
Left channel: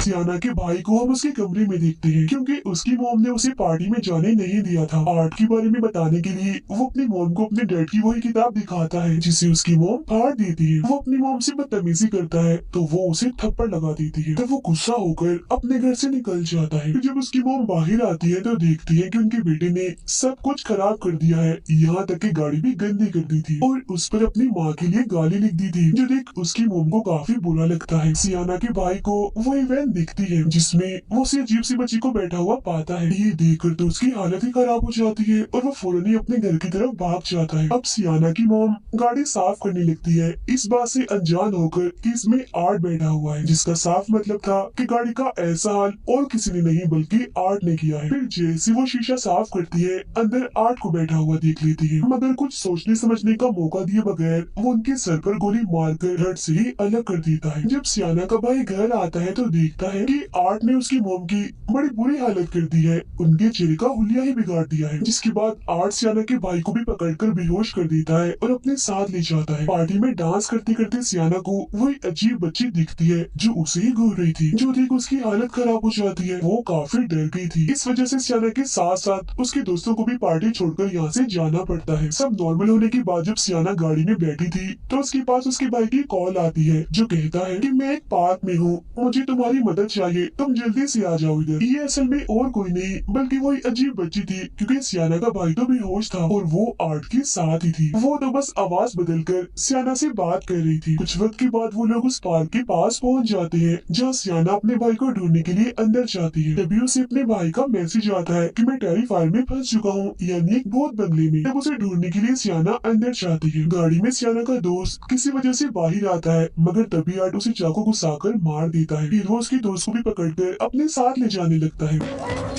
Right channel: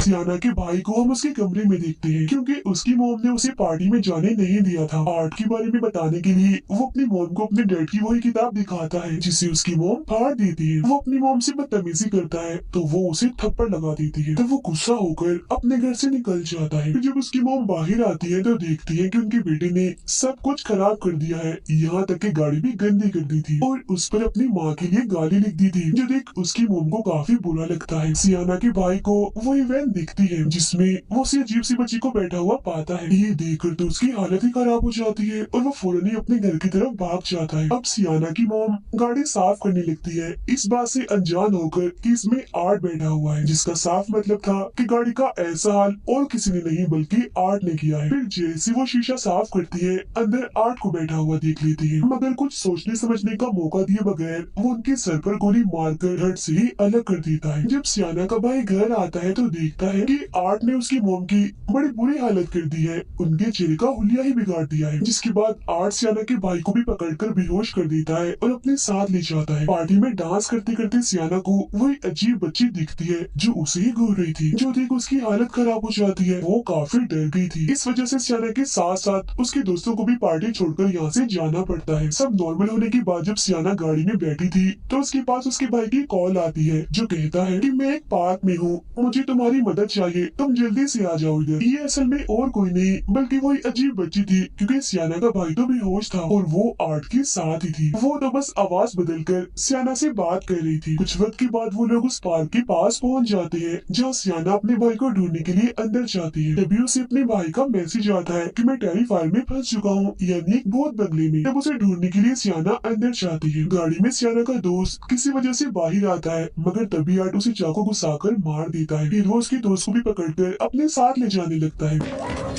सियाना के भाई को हम उसके कमरे में देखते हैं क्योंकि उसकी मॉम ने उसे पार्टी में जाने नहीं दिया था। आर्ट के बारे में बताने के लिए वो अपनी मॉम को अपने डैड की वही किताब दिखाता है जिसे उसकी मॉम फाड़ देती है। वो अपनी मॉम से बदतमीजी करता है तो वो उसे थप्पड़ लगा देती है। तो वो गुस्सा होकर अपने घर से निकल जाता है। फिर जब उसकी मॉम बाहर आती है तो देखती है कि उनके बेटे ने सब कुछ खराब कर दिया है, यहाँ तक कि गाड़ी भी गंदी कर दी थी और उस पर अपनी माँ के लिए गाली लिख दी थी, जो देख उसकी मॉम को काफी बुरा लगता है। सियाना के भाई को वो इवेंट दिखती है जिसमें वो उसी अजीब सी बच्ची को बैठा हुआ पाता है। ये देखकर तो उसकी हालत ही खराब हो जाती है और वो फौरन ही अपने घर की तरफ भाग जाता है। अब सियाना की मॉम गाड़ी साफ करने लगती है, इस बात से अनजान होकर कि इसमें आर्ट बैठा हुआ है, जिसका साफ मतलब था कि गाड़ी का ऐसा हाल और किसी ने नहीं बल्कि आर्ट ने किया है। फिर जैसे वो शीशा साफ करती है अंदर आर्ट को बैठा हुआ देख लेती है, मगर कुछ सोचने समझने का मौका दिए बगैर वो उनके सर पर गोली मारकर हट से ही अलग कर देता है। जब सियाना का भाई घर आता है तो देखता है कि आर्ट ने उसकी मॉम की बड़ी बुरी हालत कर दी है, उनके चेहरे का हुलिया ही बिगाड़ दिया है। जिसके बाद आर्ट सियाना के भाई को भी पकड़कर बेहोश कर देता है और अपने साथ ले जाता है। पार्टी में डांस करते करते सियाना को वही अजीब बच्ची दिखती है जो उसे ही घूर रही थी, जो देख उसकी हालत खराब हो जाती है। वो काफी डर गई थी, इस वजह से सियाना के साथ साथ उसके दोस्तों को भी पार्टी छोड़कर यहाँ से जाना पड़ता है। सब नॉर्मल होने के बाद जब सियाना गाड़ी में बैठी थी तो उसके पास उसके भाई की कॉल आती है जो कहता है कि मैं एक पार्क में हूँ, मुझे तुम्हारी मदद चाहिए, तुम जल्दी से आ जाओ इधर। ये असल में और कोई नहीं बल्कि वही अजीब बच्ची थी क्योंकि सियाना का भाई तो बेहोश था और वो आर्ट के साथ ही थी। वो तो बस आवाज बदलकर सियाना से बात कर रही थी। कुछ वक्त के बाद वो लोग उस पार्क के पास पहुंच जाते हैं जहाँ सियाना अपने भाई को ढूंढने के लिए अंदर जाती है। तभी उसे अपने भाई का मैसेज आता है कि मैं टेरिफायर में फंस चुका हूँ, यानी एक भूत बंगले में। तब उसे ढूंढने के लिए सियाना अंदर जाती है। गाड़ी में सियाना का दोस्त किसी वजह से बाहर आता है मगर तभी आर्ट उसे चाकू घुसाकर मार देता है। फिर वो उसके दोस्त को भी पकड़कर अपने साथ ले जाने लगता है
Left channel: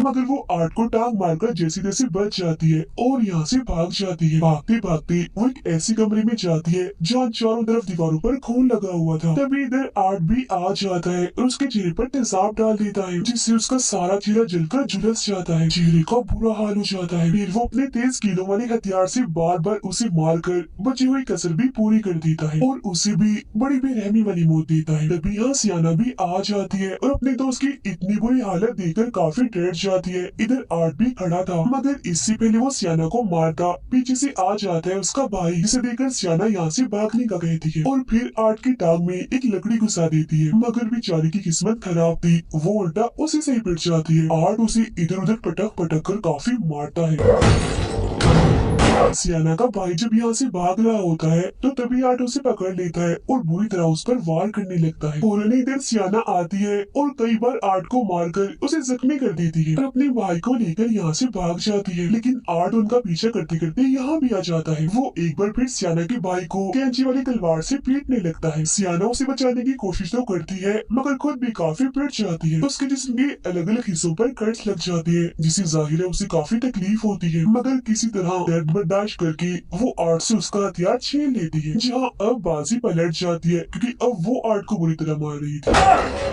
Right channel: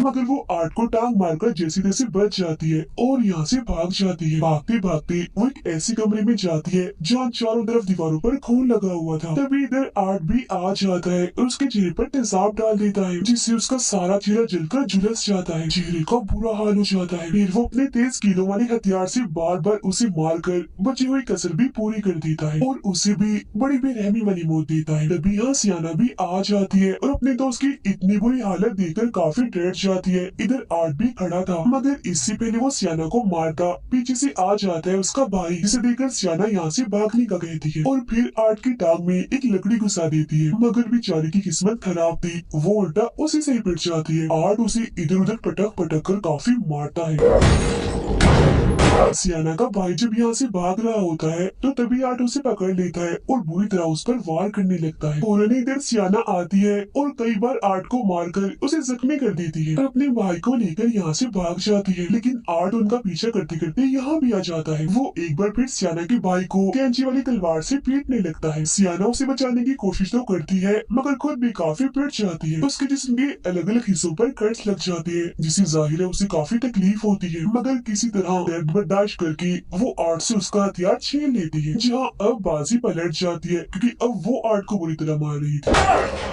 मगर वो आर्ट को टांग मारकर जैसे तैसे बच जाती है और यहाँ से भाग जाती है। भागते भागते वो एक ऐसे कमरे में जाती है जहाँ चारों तरफ दीवारों पर खून लगा हुआ था। तभी इधर आर्ट भी आ जाता है और उसके चेहरे पर तेजाब डाल देता है जिससे उसका सारा चेहरा जलकर झुलस जाता है। चेहरे का बुरा हाल हो जाता है। फिर वो अपने तेज कीलों वाले हथियार से बार बार उसे मारकर बची हुई कसर भी पूरी कर देता है और उसे भी बड़ी बेरहमी वाली मौत देता है। तभी यहाँ सियाना भी आ जाती है और अपने दोस्त की इतनी बुरी हालत देखकर काफी डर जाती है। इधर आर्ट भी खड़ा था मगर इससे पहले वो सियाना को मारता पीछे से आ जाता है उसका भाई, जिसे देखकर सियाना यहाँ से भागने का कहती है और फिर आर्ट की टांग में एक लकड़ी घुसा देती है मगर बेचारी की किस्मत खराब थी, वो उल्टा उसी से ही पिट जाती है। आर्ट उसे इधर उधर पटक पटक कर काफी मारता है। सियाना का भाई जब यहाँ से भाग रहा होता है तो तभी आर्ट उसे पकड़ लेता है और बुरी तरह उस पर वार करने लगता है। फौरन इधर सियाना आती है और कई बार आर्ट को मारकर उसे जख्मी कर देती है और अपने भाई को लेकर यहाँ से भाग जाती है, लेकिन आर्ट उनका पीछा करते करते यहाँ भी आ जाता है। वो एक बार फिर सियाना के भाई को कैंची वाली तलवार से पीटने लगता है। सियाना उसे बचाने की कोशिश तो करती है मगर खुद भी काफी पिट जाती है। उसके जिस्म के अलग अलग हिस्सों पर कट्स लग जाते हैं जिससे जाहिर है उसे काफी तकलीफ होती है, मगर किसी तरह दर्द बर्दाश्त करके वो आर्ट से उसका हथियार छीन लेती है। जहाँ अब बाजी पलट जाती है क्योंकि अब वो आर्ट को बुरी तरह मार रही थी।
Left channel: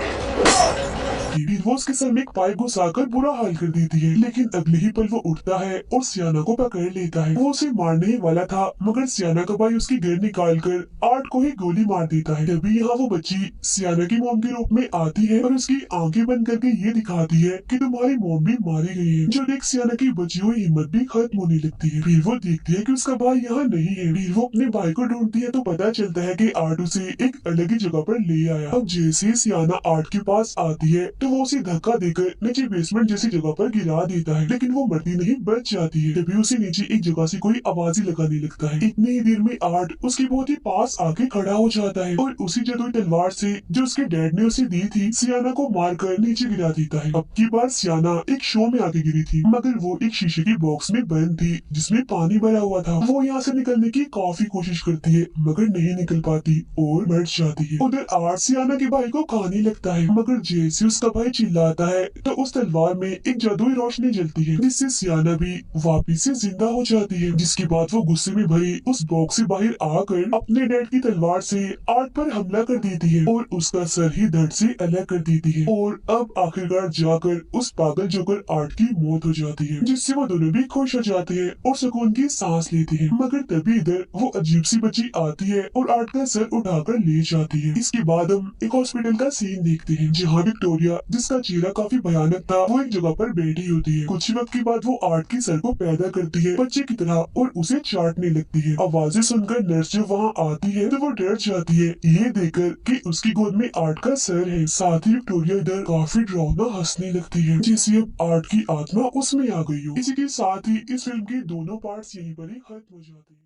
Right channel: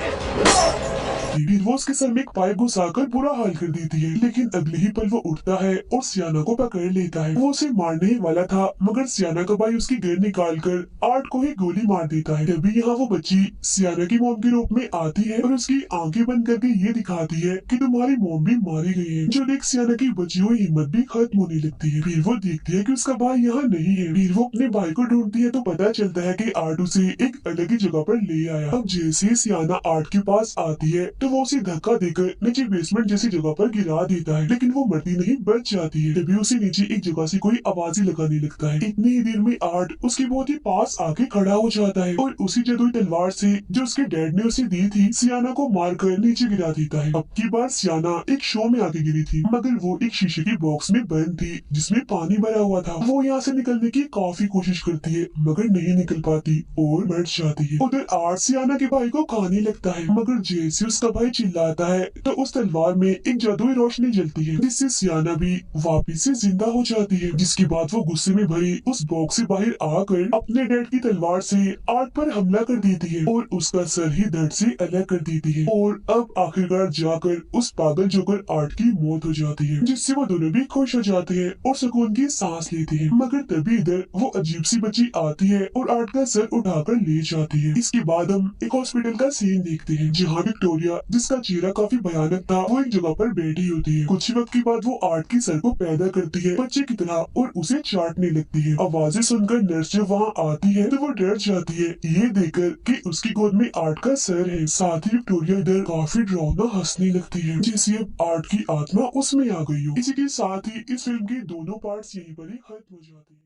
फिर वो उसके सर में एक पाइप घुसाकर बुरा हाल कर देती है, लेकिन अगले ही पल वो उठता है और सियाना को पकड़ लेता है। वो उसे मारने ही वाला था मगर सियाना का भाई उसकी गन निकालकर आर्ट को ही गोली मार देता है। तभी यहाँ वो बच्ची सियाना की मोम के रूप में आती है और उसकी आंखें बंद करके ये दिखाती है कि तुम्हारी मोम भी मारी गई है। जो देख सियाना की बची हुई हिम्मत भी खत्म होने लगती है। फिर वो देखती है कि उसका भाई यहाँ नहीं है। फिर वो अपने भाई को ढूंढती है तो पता चलता है कि आर्ट उसे एक अलग ही जगह पर ले आया। अब जैसे सियाना आर्ट के पास आती है तो वो उसे धक्का देकर नीचे बेसमेंट जैसी जगह पर गिरा देता है, लेकिन वो मरती नहीं, बच जाती है। तभी उसे नीचे एक जगह से कोई आवाज लगाने लगता है। इतनी ही देर में आर्ट उसके बहुत ही पास आके खड़ा हो जाता है और उसी जादुई तलवार से जो उसके डैड ने उसे दी थी सियाना को मारकर नीचे गिरा देता है। अब की बार सियाना एक शो में आके गिरी थी मगर वो एक शीशे की बॉक्स में बंद थी जिसमें पानी भरा हुआ था। वो यहाँ से निकलने की काफी कोशिश करती है मगर नहीं निकल पाती और मर जाती है। उधर आर्ट सियाना के भाई को खाने लगता है मगर जैसे उसका भाई चिल्लाता है तो उस तलवार में एक जादुई रोशनी जलती है जिससे सियाना भी वापिस से जिंदा हो जाती है। जिसके बाद वो गुस्से में भरी उस बॉक्स से बाहर आकर अपने डैड की तलवार से आर्ट पर हमला कर देती है और उसका सर ही धड़ से अलग कर देती है। और अब आखिरकार जाकर उस पागल जोकर आर्ट की मौत हो जाती है जिससे वो दोनों भी खुश हो जाते हैं और सुकून की सांस लेते हैं। मगर तभी इधर वो अजीब सी बच्ची आती है और आर्ट का सर उठाकर ले जाती है। इसके बाद हम एक हॉस्पिटल का सीन देखते हैं जहाँ विक्टोरिया जिसका चेहरा काफी भयानक था वो एक जगह पर बैठी होती है। कुछ वक्त के बाद वो आर्ट के सर को पैदा करती है बच्चे की तरह और उसे चाटने लगती है। आवाजें सुनकर नर्स जब वहाँ आती है तो वो डर जाती है ये देखकर कि उसकी गोद में आर्ट का सर है। साथ ही विक्टोरिया इधर काफी डरावना हंसने लगती है जैसे अब आर्ट की आत्मा उसमें आ गई हो। इसी के साथ ही इस फिल्म के दोनों पार्ट्स यहीं पर ही खत्म हो जाते हैं।